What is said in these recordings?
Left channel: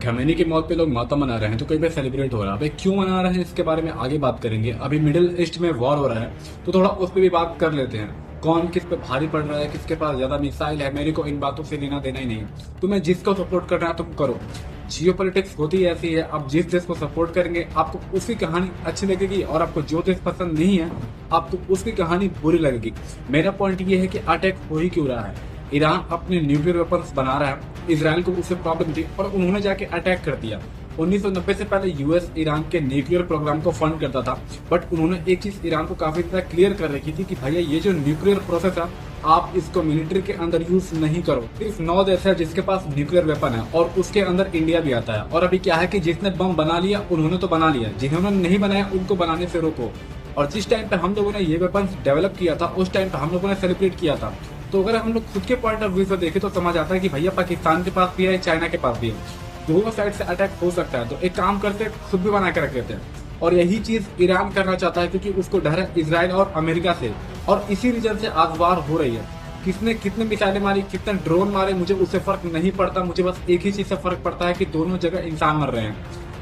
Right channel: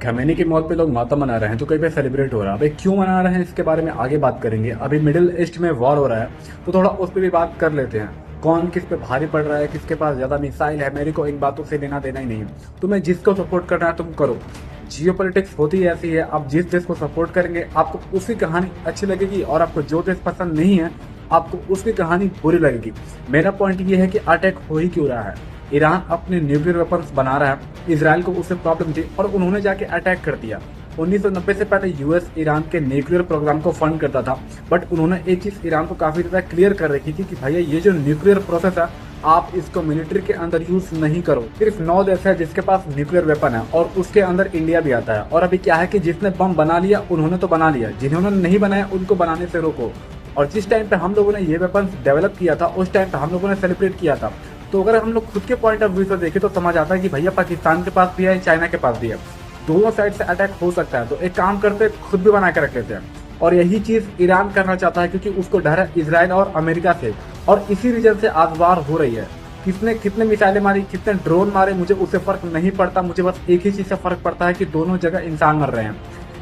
Khamenei की मौत पे लोग मातम मना रहे हैं तो कहीं पे सेलिब्रेट हो रहा है। अभी क्यों मना रहे हैं इसके बारे में आगे बात करेंगे। अभी मिडिल ईस्ट में वॉर हो रहा है तो थोड़ा उस पर भी बात कर लेते हैं। कौन किस पे भारी पड़ रहा है, किसके पास ज्यादा मिसाइल है, मेरे को इन बातों से लेना देना ही नहीं है। तुम्हें जिसको सपोर्ट करना है तुम करो। जियोपॉलिटिक्स होती ऐसी है, आप जिस देश को सपोर्ट करेंगे आपको उसकी कहानी अच्छी लगेगी और आपको जो देश पसंद नहीं है आपको उसकी कहानी बुरी लगेगी। मेरा पॉइंट ये है कि अटैक हो ही क्यों रहा है। ईरान अपने न्यूक्लियर वेपन्स बना रहा है, इसराइल को उससे प्रॉब्लम थी और उन्होंने जाके अटैक कर दिया। 1990 से पहले यूएस ईरान के न्यूक्लियर प्रोग्राम को फंड करता था, बट उन्होंने एक चीज ईरान को काफी ज्यादा क्लियर कर रखी थी कि भैया ये जो न्यूक्लियर प्रोसेस है आप इसको मिलिट्री के अंदर यूज नहीं करो। सिर्फ 9 देश है जिसके पास न्यूक्लियर वेपन है और उसके अंदर इंडिया भी आता है। और अभी क्या है कि जिसने बम बना लिया उन्होंने तो बना लिया, जिन्होंने नहीं बनाया उनको बनाने से रोको। और जिस टाइम पे हम लोगों ने ये वेपन डेवलप किया था उस टाइम पे हम लोगों ने सेलिब्रेट किया था। तो अगर हम लोग खुद के पॉइंट ऑफ व्यू से देखें तो समझ आता है कि भैया पाकिस्तान के पास भी है, चाइना के पास भी है, दोनों साइड से अटैक हो सकता है। तो एक काम करते खुद भी बना के रख लेते हैं। और यही चीज ईरान करना चाहता है क्योंकि उसको डर है इसराइल और अमेरिका से, और इसी रीजन से आज वार हो रही है। किसने कितने मिसाइलें मारी, कितने ड्रोन मारे, मुझे उससे फर्क नहीं पड़ता। मुझे बस एक ही चीज से फर्क पड़ता है कि दोनों जगह इंसान मर रहे हैं।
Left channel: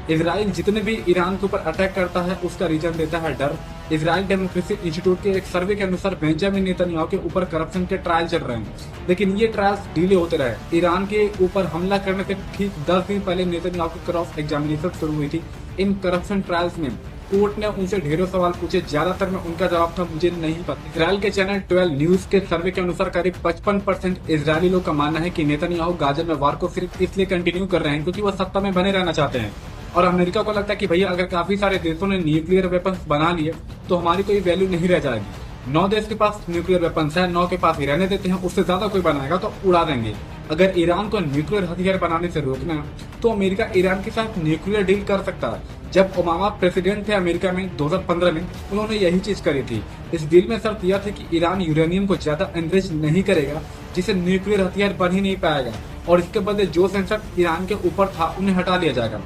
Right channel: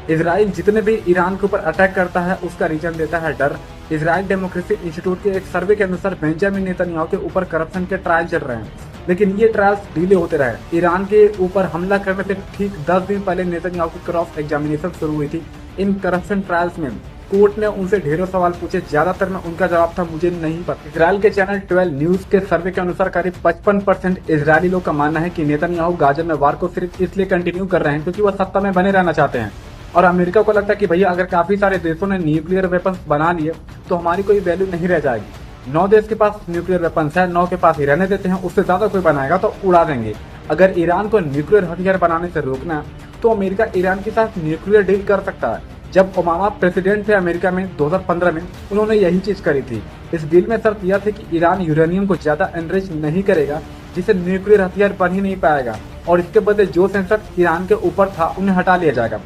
इसराइल जितने भी ईरान के ऊपर अटैक करता है उसका रीजन देता है डर। इसराइल डेमोक्रेसी इंस्टीट्यूट के एक सर्वे के अनुसार बेंजामिन नेतन्याहू के ऊपर करप्शन के ट्रायल चल रहे हैं, लेकिन ये ट्रायल्स डिले होते रहे। ईरान के ऊपर हमला करने से ठीक 10 दिन पहले नेतन्याहू की क्रॉस एग्जामिनेशन शुरू हुई थी। इन करप्शन ट्रायल्स में कोर्ट ने उनसे ढेरों सवाल पूछे, ज्यादातर में उनका जवाब था मुझे नहीं पता। इसराइल के चैनल 12 न्यूज के सर्वे के अनुसार करीब 55% इजरायली लोग का मानना है कि नेतन्याहू गाजा में वार को सिर्फ इसलिए कंटिन्यू कर रहे हैं क्योंकि वो सत्ता में बने रहना चाहते हैं। और अमेरिका को लगता है कि भैया अगर काफी सारे देशों ने न्यूक्लियर वेपन्स बना लिए तो हमारी कोई वैल्यू नहीं रह जाएगी। 9 देश के पास न्यूक्लियर वेपन्स है, 9 के पास ही रहने देते हैं, उससे ज्यादा कोई बनाएगा तो उड़ा देंगे। अगर ईरान को न्यूक्लियर हथियार बनाने से रोकना है तो अमेरिका ईरान के साथ न्यूक्लियर डील कर सकता है। जब ओबामा प्रेसिडेंट थे अमेरिका में 2015 में, उन्होंने यही चीज करी थी। इस डील में शर्त यह थी कि ईरान यूरेनियम को ज्यादा एनरिच नहीं करेगा जिससे न्यूक्लियर हथियार बन ही नहीं पाएगा, और इसके बदले जो सेंसर ईरान के ऊपर था उन्हें हटा लिया जाएगा।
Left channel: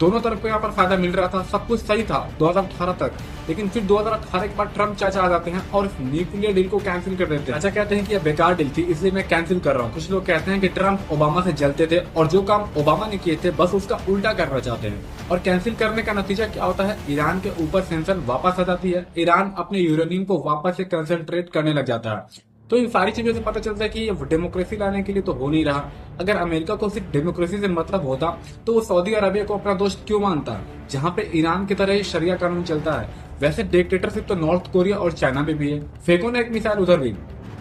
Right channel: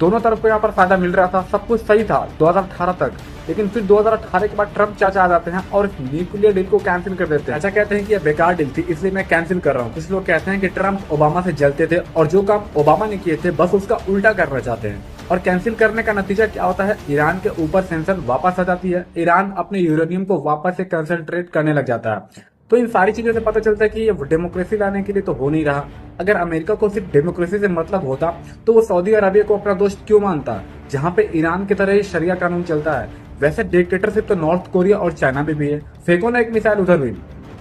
दोनों तरफ को यहाँ पर फायदा मिल रहा था, सब कुछ सही था 2018 तक। लेकिन फिर 2018 के बाद ट्रम्प चाचा आ जाते हैं और न्यूक्लियर डील को कैंसिल कर देते हैं। चाचा कहते हैं कि यह बेकार डील थी इसलिए मैं कैंसिल कर रहा हूँ। कुछ लोग कहते हैं कि ट्रम्प ओबामा से जलते थे और जो काम ओबामा ने किए थे बस उसका उल्टा करना चाहते हैं। और कैंसिल करने का नतीजा क्या होता है, ईरान के ऊपर सेंक्शन वापस आ जाती है, ईरान अपने यूरेनियम को वापस से कंसंट्रेट करने लग जाता है। तो इन सारी चीजों से पता चलता है कि ये डेमोक्रेसी लाने के लिए तो हो नहीं रहा। अगर अमेरिका को सिर्फ डेमोक्रेसी से मतलब होता तो वो सऊदी अरबिया को अपना दोस्त क्यों मानता, जहाँ पे ईरान की तरह शरिया कानून चलता है। वैसे डिक्टेटरशिप तो नॉर्थ कोरिया और चाइना में भी है। फेंको ना एक मिसाइल उधर भी।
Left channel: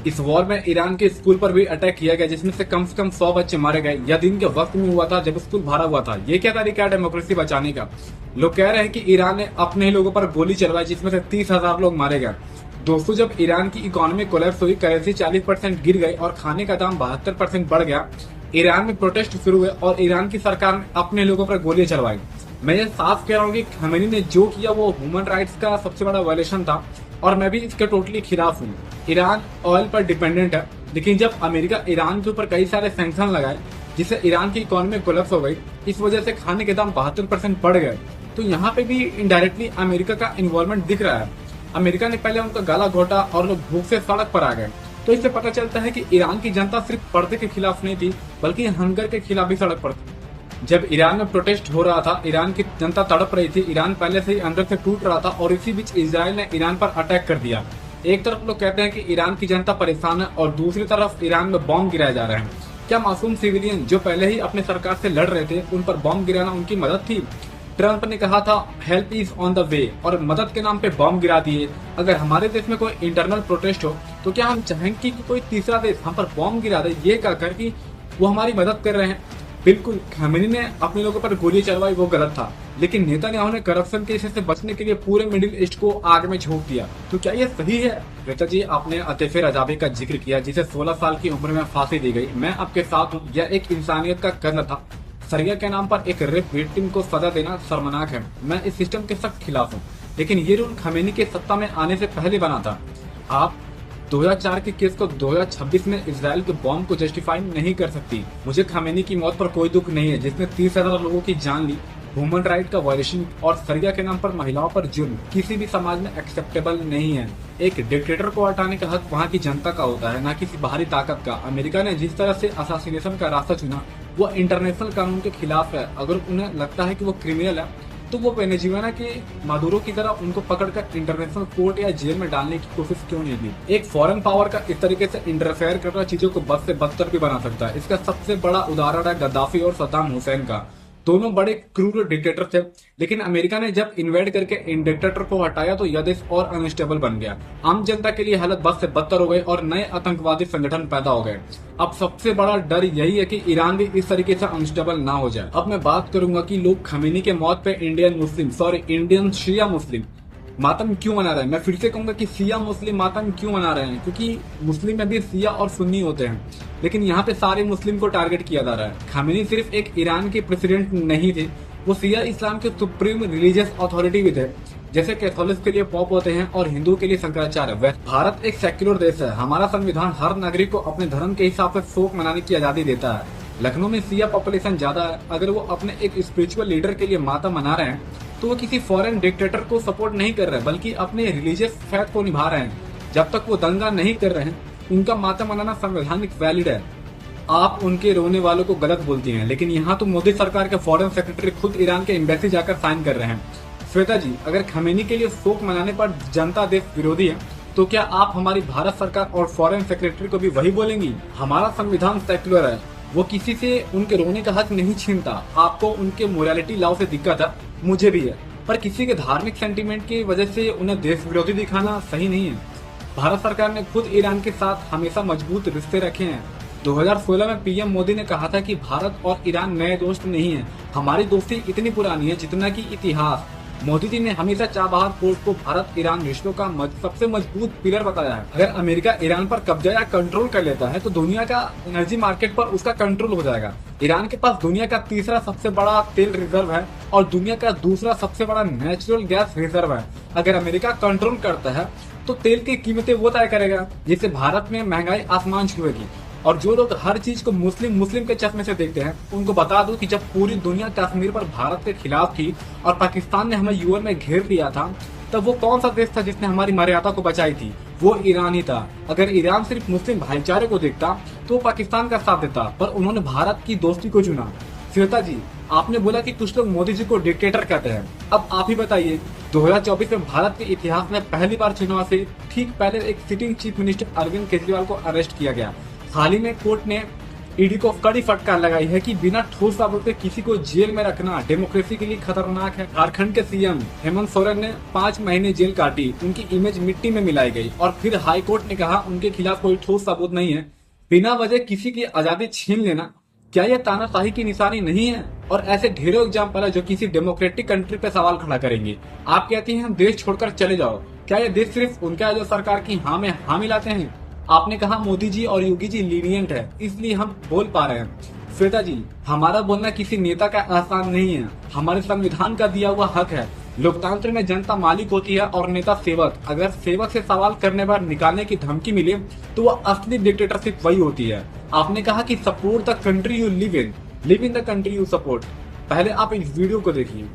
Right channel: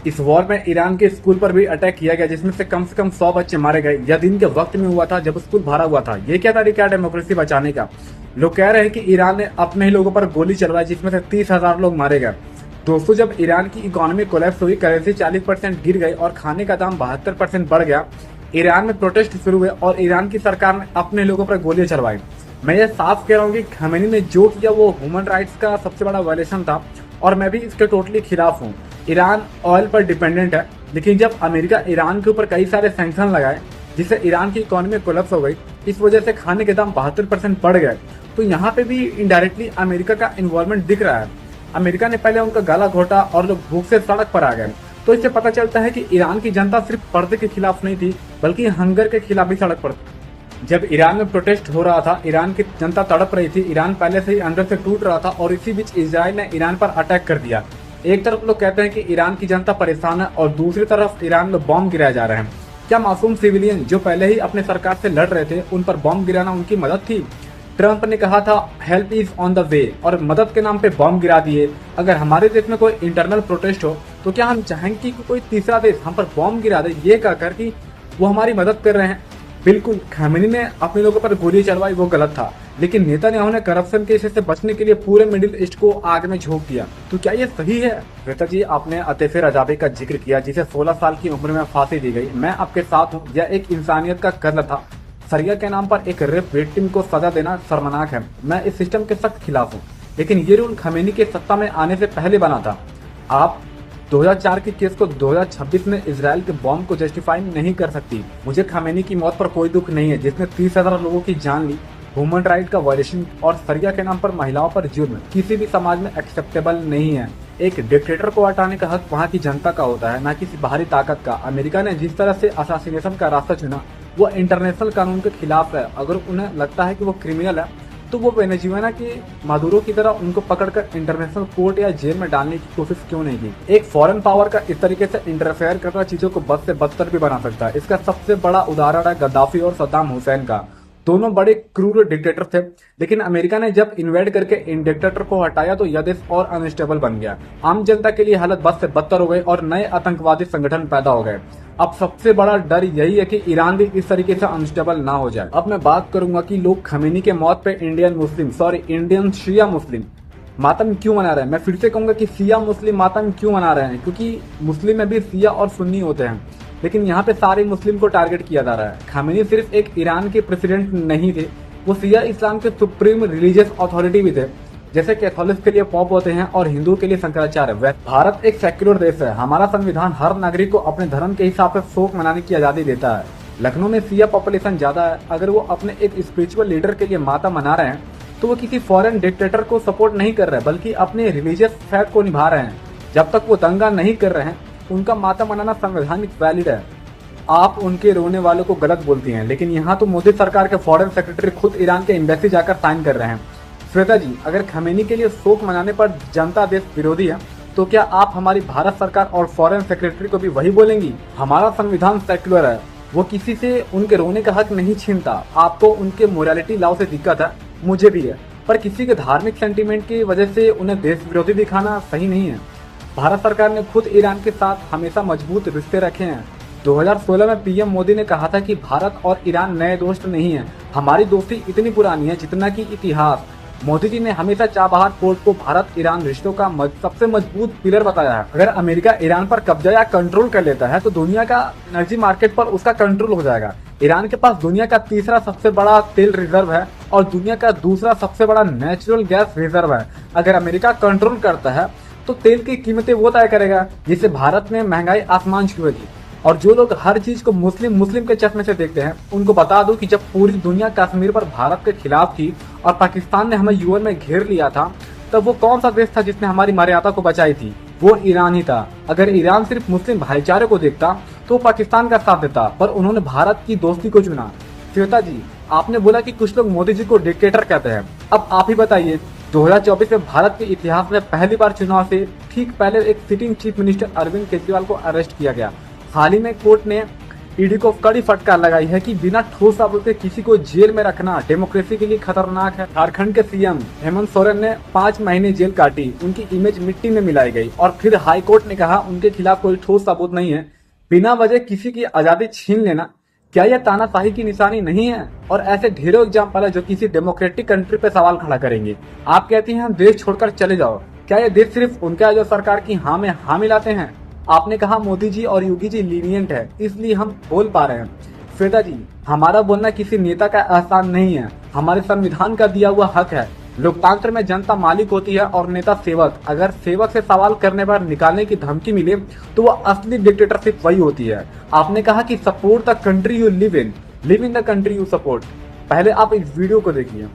इस वॉर में ईरान के स्कूल पर भी अटैक किया गया जिसमें से कम 100 बच्चे मारे गए। यह दिन के वक्त में हुआ था जब स्कूल भरा हुआ था। ये क्या तरीका है डेमोक्रेसी बचाने का। लोग कह रहे हैं कि ईरान ने अपने ही लोगों पर गोली चलवाई जिसमें से 30,000 लोग मारे गए। दोस्तों, जब ईरान की इकोनॉमी कोलैप्स हुई, करेंसी 40% गिर गई और खाने का दाम 72% बढ़ गया, ईरान में प्रोटेस्ट शुरू हुए और ईरान की सरकार ने अपने लोगों पर गोलियां चलवाई। मैं ये साफ कह रहा हूँ कि खमेनी ने जो किया वो ह्यूमन राइट्स का सबसे बड़ा वायलेशन था और मैं भी इसके टोटली खिलाफ हूँ। ईरान ऑयल पर डिपेंडेंट है, लेकिन जब अमेरिका ईरान के ऊपर कई सारे सैंक्शन लगाए जिससे ईरान की इकोनॉमी कोलैप्स हो गई, इस वजह से खाने के दाम 72% बढ़ गए, तो यहाँ पे भी इनडायरेक्टली अमेरिका का इन्वॉल्वमेंट दिख रहा है। अमेरिका ने पहले उनका गला घोटा और लोग भूख से सड़क पर आ गए। तो इससे पता चलता है कि ईरान की जनता सिर्फ पर्दे के खिलाफ नहीं थी बल्कि हंगर के खिलाफ भी सड़क पर थी। जब ईरान में प्रोटेस्ट हो रहा था, ईरान की जनता तड़प रही थी, ईरान पहले से ही अंदर से टूट रहा था और इसी बीच इजराइल ने ईरान पर अटैक कर दिया। एक तरफ लोग कहते हैं कि ईरान की जनता परेशान है और दूसरी तरफ ईरान में बॉम्ब गिराए जा रहे हैं। क्या मासूम सिविलियन जो पहले ही अपने सरकार से लड़ रहे थे उन पर बॉम्ब गिराना उनकी मदद थी। ट्रंप ने कहा था help is on the way और मदद के नाम पे बॉम्ब गिरा दिए। अगर हमारे देश में कोई इंटरनल प्रोटेस्ट हो तो क्या हम चाहेंगे कि कोई तीसरा देश हम पर बॉम्ब गिरा दे, ये कहकर कि वो हमारी मदद कर रहे हैं। बिल्कुल, खमेनी ने अपने लोगों पर गोली चलवाई वो गलत था, लेकिन नेतन्याहू ने करप्शन केसेस से बचने के लिए पूरे मिडिल ईस्ट को आग में झोंक दिया। तो क्या ये सही है? श्वेता जी, आपने अतीफ रजावी का जिक्र किया जिसे 16 साल की उम्र में फांसी दी गई। मैं आपके साथ हूँ, यह एक इंसानियत का कर्म था। सरिया के नाम पर एक रेप विक्टिम को सजा देना शर्मनाक है। मैं इस सिस्टम के सख्त खिलाफ हूँ, लेकिन ये रूल खमेनी के सत्ता में आने से पहले बना था। आप 2004 के केस को 2026 में इसराइल के बॉम्ब को जस्टिफाई नहीं कर सकती। मुझे खमेनी की मौत पर कोई दुख नहीं है जिसने 30,000 लोगों की जान ली। ह्यूमन राइट का वायलेशन और सरिया के नाम पर महिलाओं पर जुर्म किसी भी समाज में एक्सेप्टेबल नहीं है। एक डिक्टेटर को हटाने का हक वहाँ की जनता का होता है, ना किसी बाहरी ताकत का। अमेरिका ने जिस तरह से असासिनेशन का रास्ता चुना वो इंटरनेशनल कानून के खिलाफ है। अगर उन्हें लगता है कि वो क्रिमिनल है तो वो वेनेजुएला के मादुरो की तरह उनको पकड़कर इंटरनेशनल कोर्ट या जेल में डालने की कोशिश क्यों नहीं की। एक फॉरेन पावर का इस तरीके से इंटरफेयर करना चीजों को बद से बदतर भी बना सकता है। इसका सबसे बड़ा उदाहरण है गद्दाफी और सद्दाम हुसैन का। दोनों बड़े क्रूर डिक्टेटर थे, लेकिन अमेरिका ने जब इन्वेड करके इन डिक्टेटर को हटाया तो यह देश और अनस्टेबल बन गया। आम जनता के लिए हालत बद से बदतर हो गई और नए आतंकवादी संगठन पैदा हो गए। अब सबसे बड़ा डर यही है कि ईरान भी इस तरीके से अनस्टेबल ना हो जाए। अब मैं बात करूंगा कि लोग खमेनी के मौत पे इंडियन शिया मुस्लिम मातम क्यों मना रहे हैं। मैं फिर से कहूंगा कि शिया मुस्लिम मातम क्यों मना रहे हैं, क्योंकि मुस्लिम में भी शिया और सुन्नी होते हैं, लेकिन यहाँ पे सारे मुस्लिम को टारगेट किया जा रहा है। खामेनी सिर्फ एक ईरान के प्रेसिडेंट नहीं थे, वो शिया इस्लाम के सुप्रीम रिलीजियस अथॉरिटी भी थे। जैसे कैथोलिक के लिए पॉप होते हैं और हिंदू के लिए शंकराचार्य। भारत एक सेक्युलर देश है। हमारा संविधान हर नागरिक को अपने धर्म के हिसाब से शोक मनाने की आजादी देता है। लखनऊ में शिया पॉपुलेशन ज्यादा है। अगर वो अपने एक स्पिरिचुअल लीडर के लिए माता मना रहे हैं तो वो किसी फॉरेन डिक्टेटर को सपोर्ट नहीं कर रहे, बल्कि अपने रिलीजियस फैथ को निभा रहे हैं। जब तक वो दंगा नहीं कर रहे हैं उनका माता मनाना संवैधानिक वैलिड है। आप उनके रोने वालों को गलत बोलती हैं, लेकिन यहाँ तो मोदी सरकार के फॉरेन सेक्रेटरी खुद ईरान के एम्बेसी जाकर साइन कर रहे हैं। श्वेता जी, अगर खमेनी के लिए शोक मनाने पर जनता देश विरोधी है तो क्या आप हमारी भारत सरकार और फॉरेन सेक्रेटरी को भी वही बोलेंगी? हमारा संविधान सेक्युलर है, वो किसी से उनके रोने का हक नहीं छीनता। आपको उनके मोरालिटी लॉ से दिक्कत है, मुझे भी है, पर किसी के धार्मिक सेंटीमेंट की वजह से उन्हें देश विरोधी दिखाना सही नहीं है। भारत सरकार ने खुद ईरान के साथ हमेशा मजबूत रिश्ते रखे हैं। 2016 में पीएम मोदी ने कहा था कि भारत और ईरान नए दोस्त नहीं है, हमारी दोस्ती इतनी पुरानी है जितना कि इतिहास। मोदी जी ने हमेशा चाबहार पोर्ट को भारत ईरान रिश्तों का सबसे मजबूत पिलर बताया है। अगर अमेरिका ईरान पर कब्जा या कंट्रोल कर लेता है तो दुनिया का एनर्जी मार्केट पर उसका कंट्रोल हो जाएगा। ईरान के पास दुनिया का तीसरा सबसे बड़ा तेल रिजर्व है और दुनिया का दूसरा सबसे बड़ा नेचुरल गैस रिजर्व है। अगर अमेरिका कंट्रोल करता है तो तेल की कीमतें वो तय करेगा, जिससे भारत में महंगाई आसमान छुएगी। और जो लोग हर चीज को मुस्लिम के चश्मे से देखते हैं उनको बता दूं कि जब पूरी दुनिया कश्मीर पर भारत के खिलाफ थी और पाकिस्तान ने हमें यूएन में घेर लिया था, तब वो कौन सा देश था जिसने हमारी मर्यादा को बचाई थी? वो ईरान ही था। अगर ईरान सिर्फ मुस्लिम भाईचारे को देखता तो पाकिस्तान का साथ देता, पर उन्होंने भारत की दोस्ती को चुना। श्वेता जी, आपने बोला कि कुछ लोग मोदी जी को डिक्टेटर कहते हैं, अब आप ही बताइए। 2024 में भारत के इतिहास में पहली बार चुनाव से ठीक पहले एक sitting chief minister Arvind Kejriwal को अरेस्ट किया गया। हाल ही में कोर्ट ने ईडी को कड़ी फटकार लगाई है कि बिना ठोस सबूत के किसी को जेल में रखना डेमोक्रेसी के लिए खतरनाक है। झारखंड के सीएम हेमंत सोरेन ने 5 महीने जेल काटी, उनकी इमेज मिट्टी में मिलाई गई और फिर हाई कोर्ट ने कहा उनके खिलाफ कोई ठोस सबूत नहीं है। बिना वजह किसी की आजादी छीन लेना क्या यह तानाशाही की निशानी नहीं है? और ऐसे ढेरों एग्जाम्पल है जो किसी डेमोक्रेटिक कंट्री पे सवाल खड़ा करेंगे। आप कहती हैं हम देश छोड़कर चले जाओ, क्या यह देश सिर्फ उनका है जो सरकार की हाँ में हाँ मिलाते हैं? आपने कहा मोदी जी और योगी जी लीनियंट है, इसलिए हम बोल पा रहे हैं। श्वेता जी, हमारा बोलना किसी नेता का एहसान नहीं है, हमारे संविधान का दिया हुआ हक है। लोकतंत्र में जनता मालिक होती है और नेता सेवक। अगर सेवक से सवाल करने पर निकालने की धमकी मिले तो वह असली डिक्टेटरशिप वही होती है। आपने कहा कि support the country you live in the country you support. पहले आप इस वीडियो को देखिए।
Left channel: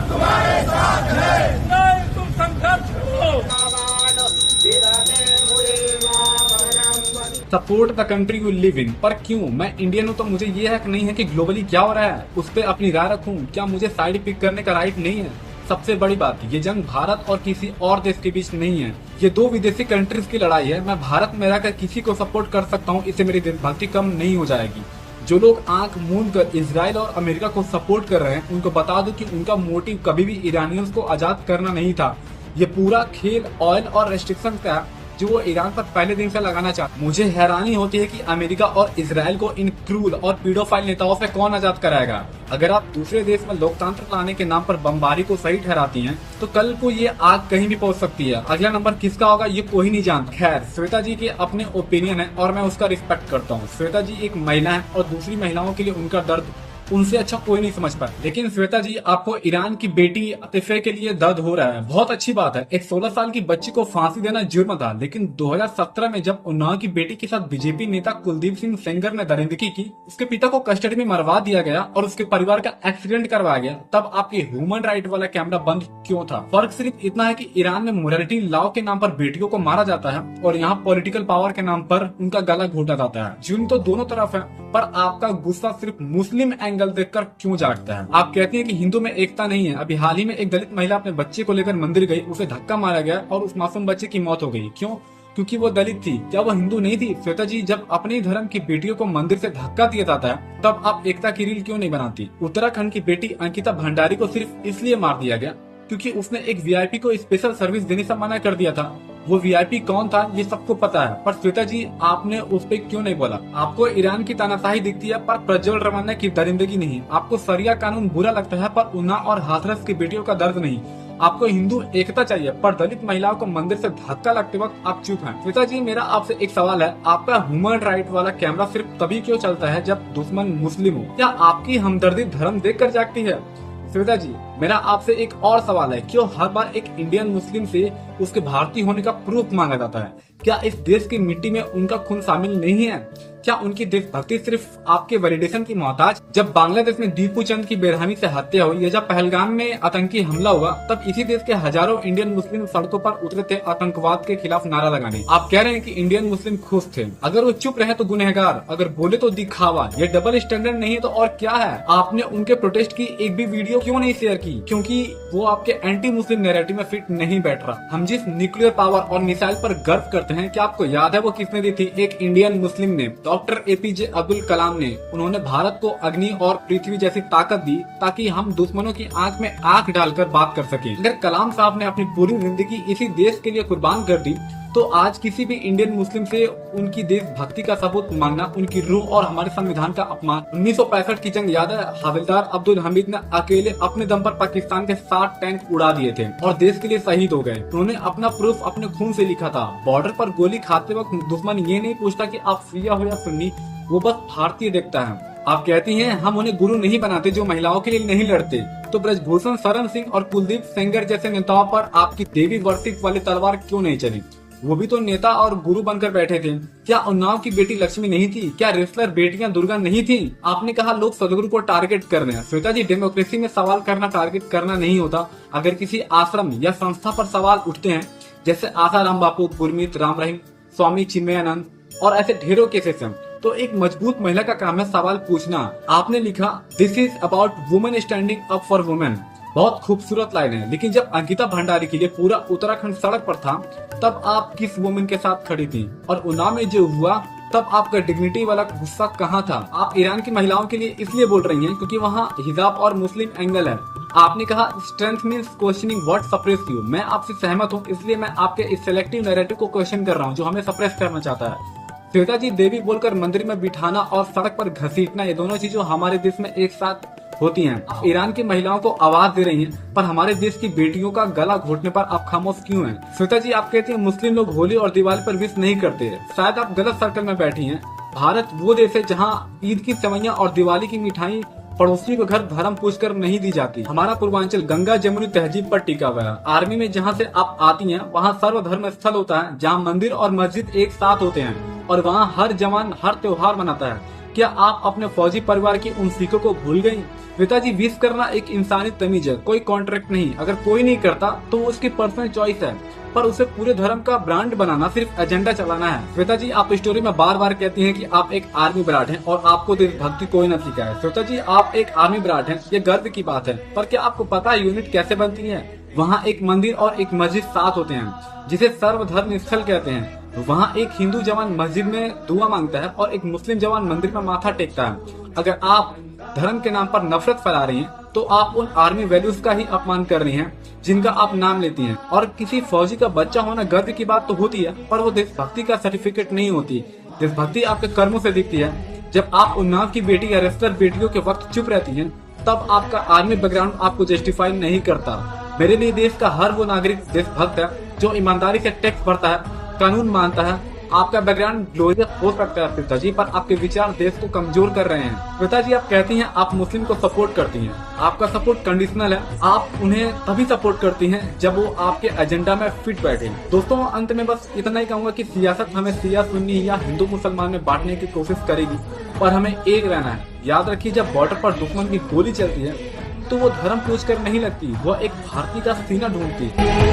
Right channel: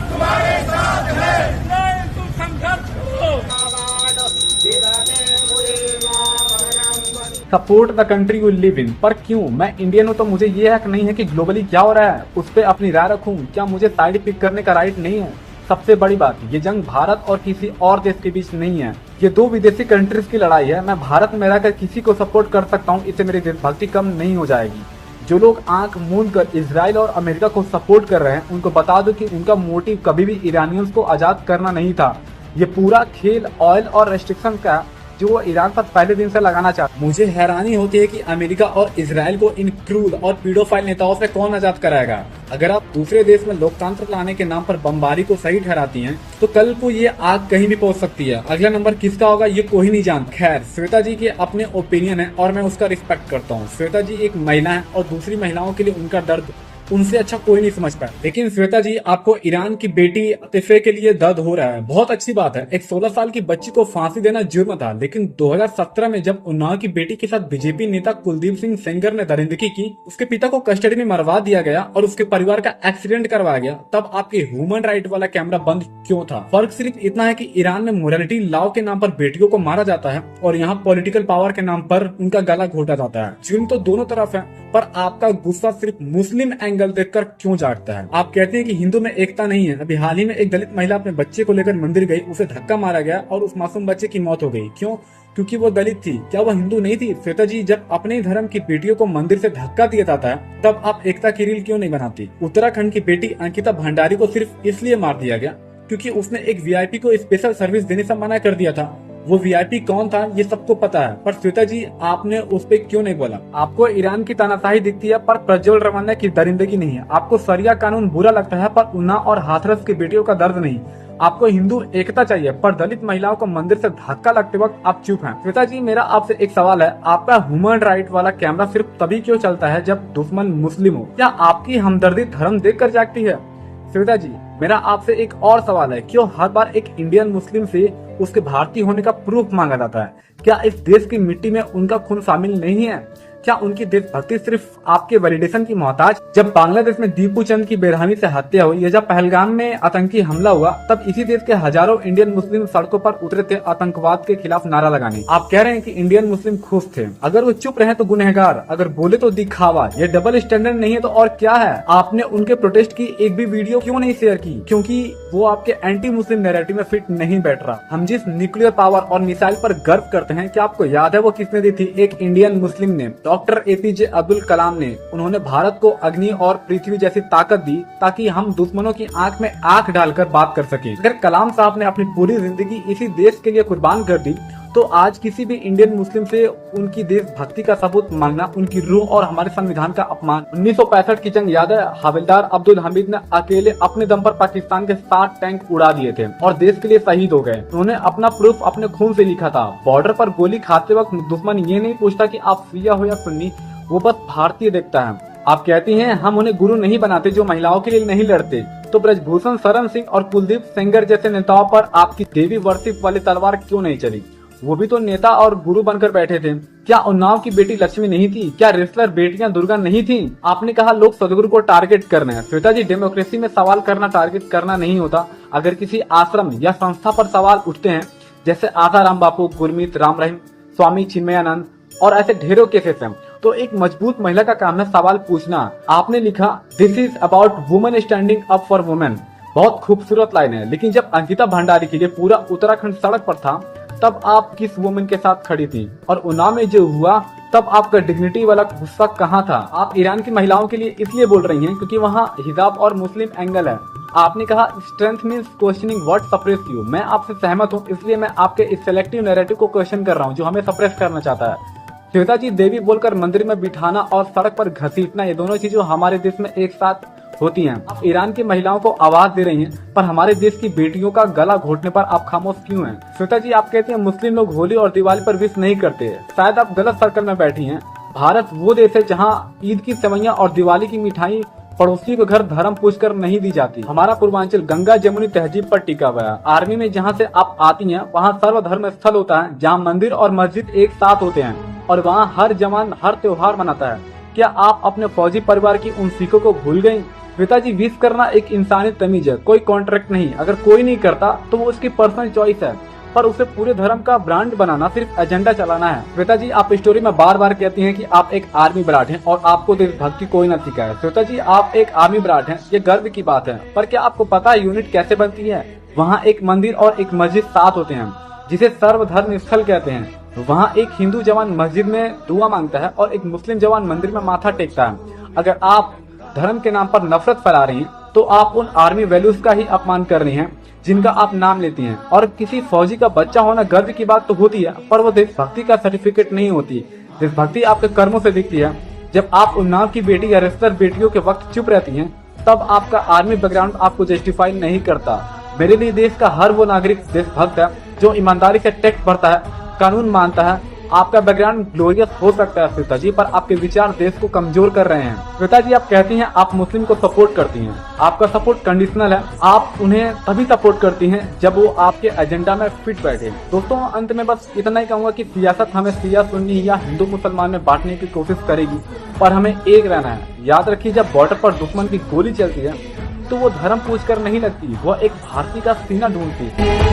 Support the country you live in, पर क्यों? मैं इंडियन हूँ तो मुझे ये हक नहीं है कि ग्लोबली क्या हो रहा है उस पर अपनी राय रखूं? क्या मुझे साइड पिक करने का राइट नहीं है? सबसे बड़ी बात, ये जंग भारत और किसी और देश के बीच नहीं है, ये 2 विदेशी कंट्रीज की लड़ाई है। मैं भारत में रहकर किसी को सपोर्ट कर सकता हूँ, इससे मेरी देशभक्ति कम नहीं हो जाएगी। जो लोग आंख मूंद कर इजराइल और अमेरिका को सपोर्ट कर रहे हैं उनको बता दो कि उनका मोटिव कभी भी ईरानियंस को आजाद करना नहीं था। ये पूरा खेल ऑयल और रेस्ट्रिक्शन का जो वो ईरान पर पहले दिन से लगाना चाहता। मुझे हैरानी होती है कि अमेरिका और इजराइल को इन क्रूर और पीडोफाइल नेताओं से कौन आजाद कराएगा। अगर आप दूसरे देश में लोकतंत्र लाने के नाम पर बमबारी को सही ठहराती हैं, तो कल को ये आग कहीं भी पहुंच सकती है। अगला नंबर किसका होगा ये कोई नहीं जानता। खैर, श्वेता जी के अपने ओपिनियन है और मैं उसका रिस्पेक्ट करता हूँ। श्वेता जी एक महिला है और दूसरी महिलाओं के लिए उनका दर्द उनसे अच्छा कोई नहीं समझ पाया। लेकिन श्वेता जी, आपको ईरान की बेटी अतिफे के लिए दर्द हो रहा है, बहुत अच्छी बात है। एक 16 साल की बच्ची को फांसी देना जुर्म था, लेकिन 2017 में जब उन्नाव की बेटी के साथ बीजेपी नेता कुलदीप सिंह सेंगर ने दरिंदगी की, उसके पिता को कस्टडी में मरवा दिया गया और उसके परिवार का एक्सीडेंट करवाया गया, तब आपके ह्यूमन राइट वाला कैमरा बंद क्यों था? फर्क सिर्फ इतना है कि ईरान में मोरालिटी लॉ के नाम पर बेटियों को मारा जाता है और यहाँ पॉलिटिकल पावर के नाम पर उनका गला घोटा जाता है। जुर्म तो दोनों तरफ है, पर आपका गुस्सा सिर्फ मुस्लिम एंगल देखकर क्यों जागता है? आप कहते हैं कि हिंदू में एकता नहीं है। अभी हाल ही में एक दलित महिला अपने बच्चे को लेकर मंदिर गई, उसे धक्का मारा गया और उस मासूम बच्चे की मौत हो गई। क्यों? क्योंकि वो दलित थी। क्या वो हिंदू नहीं थी? श्वेता जी, जब अपने ही धर्म की बेटियों को मंदिर से धक्का दिया जाता है, तब आप एकता की रील क्यों नहीं बनाती? उत्तराखंड की बेटी अंकिता भंडारी को सिर्फ इसलिए मार दिया गया क्योंकि उसने एक वीआईपी को स्पेशल सर्विस देने से मना कर दिया था। वो वीआईपी कौन था ये सबको पता है, पर श्वेता जी, आपने उस पर क्यों नहीं बोला? आपको ईरान की तानाशाही दिखती है, पर प्रज्वल रवाना की दरिंदगी नहीं है। आपको शरिया कानून बुरा लगता है, पर उन्नाव और हाथरस की बेटियों का दर्द नहीं। आपको हिंदू एकता चाहिए, पर दलित महिलाओं को मंदिर से धक्का लगते वक्त आप चुप हैं। श्वेता जी, मेरा आपसे एक सवाल है, आपका ह्यूमन राइट वाला कैमरा सिर्फ तभी क्यों चलता है जब दुश्मन मुस्लिम हो? क्या आपकी हमदर्दी धर्म देखकर जागती है? श्वेता जी, मेरा आपसे एक और सवाल है, क्यों हर बार एक इंडियन मुस्लिम से उसके भारतीय होने का प्रूफ मांगा जाता है? क्या इस देश की मिट्टी में उनका खून शामिल नहीं है? क्या उनकी देशभक्ति सिर्फ आपके वैलिडेशन की मोहताज? जब बांग्लादेश में दीपू चंद की बेरहमी से हत्या हुई या जब पहलगाम में आतंकी हमला हुआ, तब इसी देश के हजारों इंडियन मुस्लिम सड़कों पर उतरे थे आतंकवाद के खिलाफ नारा लगाने। आप कह रहे हैं कि इंडियन मुस्लिम खुश थे। अगर वो चुप रहे तो गुनहगार, अगर बोले तो दिखावा। ये डबल स्टैंडर्ड नहीं है तो और क्या है? आपने उनके प्रोटेस्ट की एक भी वीडियो क्यों नहीं शेयर की? क्योंकि वो आपके एंटी मुस्लिम नैरेटिव में फिट नहीं बैठ रहा। हम जिस न्यूक्लियर पावर और मिसाइल पर गर्व करते हैं, क्या आपको याद है वो किसने दी थी? एक इंडियन मुस्लिम ने, डॉक्टर एपीजे अब्दुल कलाम ने। उन्होंने भारत को अग्नि और पृथ्वी जैसी ताकत दी ताकि हम दुश्मनों की आंख में आंख डालकर बात कर सकें। अगर कलाम साहब ने अपनी पूरी जिंदगी इसी देश के लिए कुर्बान कर दी, तो आज किसी भी इंडियन मुस्लिम से उनकी देशभक्ति का सबूत मांगना उनकी रूह और हमारे संविधान का अपमान। 1965 की जंग याद है? हवलदार अब्दुल हमीद ने अकेले अपने दम पर पाकिस्तान के 60 टैंक उड़ा दिए थे और देश के लिए शहीद हो गए। उन्होंने अपना प्रूफ अपने खून से लिखा था। बॉर्डर पर गोली खाते वक्त दुश्मन ये नहीं पूछता कि आप शिया हो या सुन्नी, वो बस भारतीय देखता है। आप कहती हैं हम उन्हें गुरु नहीं बनाते जो महिलाओं के लिए नहीं लड़ते, तो ब्रजभूषण शरण सिंह और कुलदीप सेंगर जैसे नेताओं पर आपकी देवी वर्शिप वाली तलवार क्यों नहीं चली? वो भी तो नेता और गुरु बनकर बैठे थे। क्या उन्नाव की बेटी लक्ष्मी नहीं थी? क्या रेसलर बेटियां दुर्गा नहीं थी? आपने कहा लोग सदगुरु को टारगेट कर रहे हैं। श्वेता जी, डेमोक्रेसी में सवाल करना टारगेट करना नहीं होता। अगर किसी आश्रम या संस्था पर सवाल उठते हैं, जैसे आसाराम बापू, गुरमीत राम रहीम, स्वामी चिन्मयानंद और ऐसे ढेरों केसेस हैं, तो एक मजबूत महिला का काम है सवाल पूछना। आपने लिखा this is about women standing up for women. बहुत खूबसूरत लाइन है, लेकिन जब अंकिता भंडारी के लिए पूरा उत्तराखंड सड़क पर था, तब आप किस वुमेन के साथ खड़ी थी? और उन्नाव में जो हुआ, तब आपका डिग्निटी वाला गुस्सा कहाँ था? आप ईरान की महिलाओं के लिए इसलिए बोल रही हैं क्योंकि वहाँ हिजाब और मुस्लिम एंगल है। आपने कहा strength means questioning what suppress you. मैं आपसे सहमत हूँ, इसलिए मैं आपके इस सेलेक्टिव नैरेटिव को क्वेश्चन कर रहा हूँ जो हमें सप्रेस करना चाहता है। श्वेता जी, देवी बोलकर मंदिर में बिठाना और सड़क पर घसीटना, ये दोनों चीजें हमारे देश में एक साथ होती हैं। ईरान की महिलाओं को आवाज दे रही हैं, पर हमारे देश की बेटियों का गला घोटने पर आप खामोश क्यों हैं? श्वेता जी, आप कहते हैं मुस्लिम लोग होली और दिवाली पर विश नहीं करते। शायद आप गलत सर्कल में बैठी हैं। भारत वो देश है जहाँ ईद की सेवैयां और दिवाली की मिठाई पड़ोसी के घर धर्म पूछकर नहीं दी जाती। हमारा पूर्वांचल गंगा जमुनी तहजीब पर टिका हुआ है। आर्मी में जहाँ से आप आती हैं, वहाँ सर्वधर्म स्थल होता है, जहाँ मंदिर और मस्जिद एक साथ होते हैं और वहाँ हर जवान हर त्योहार मनाता है। क्या आप अपने फौजी परिवार की उन सीखों को भूल गयी? श्वेता जी, विश करना एक इंसानी तमीज है, कोई कॉन्ट्रैक्ट नहीं। अगर कोई नहीं करता तो वो उसकी पर्सनल चॉइस है, पर उसे पूरे धर्म का ब्रांड बनाना सिर्फ एजेंडा चलाना है। श्वेता जी, आप स्टोरी में बार बार कहती हैं कि आप एक आर्मी ब्राट हैं और आपको देशभक्ति कोई न सिखाए। श्वेता जी, आप एक आर्मी ब्राट हैं, ये गर्व की बात है, पर क्या आपको पता है यूनिट कैसे बनती है? वहाँ एक मंदिर और एक मस्जिद साथ होते हैं, जिसे सर्वधर्म स्थल कहते हैं। वहाँ एक हिंदू जवान मस्जिद में दुआ मांगता है और एक मुस्लिम जवान मंदिर में माथा टेकता है। अगर आप धर्म के नाम पर नफरत फैला रही हैं, तो आप उन आर्मी वैल्यूज का ही अपमान कर रही हैं जिनका आप नाम लेती हैं। और किसी फौजी का बच्चा होना गर्व की बात तो होती है, पर वो देशभक्ति का सर्टिफिकेट नहीं होती। देशभक्ति आपके कर्मों से दिखती है। जब आप उन्नाव की बेटी या रेसलर बेटियों के वक्त चुप रहती हैं, तब आपका आर्मी बैकग्राउंड आपको जस्टिफाई नहीं करता। मेरे लिए देश का हर वो नागरिक देशभक्त है जो ईमानदारी से टैक्स भरता है, कानून मानता है आपका बैकग्राउंड ग्लोरियस हो सकता है श्वेता जी, पर आपके विचार देश को कमजोर कर रहे हैं। श्वेता जी, आप कहती हैं आप मुस्लिम को सपोर्ट करती हैं, आपका सपोर्ट कंडीशनल है। आप उन्हें तभी सपोर्ट करती हैं जब वो आपके एजेंडा में फिट बैठे। दोस्तों, अंत में बस इतना ही कहूंगा कि सियासत हमें शिया सुन्नी या हिंदू मुसलमान में बांटने की कोशिश करेगी, पर हमें एक रहना है। याद रखिए, जब बॉर्डर पर दुश्मन की गोली चलती है तो वो धर्म पूछ कर नहीं लगती, वो एक भारतीय का सीना ढूंढती है।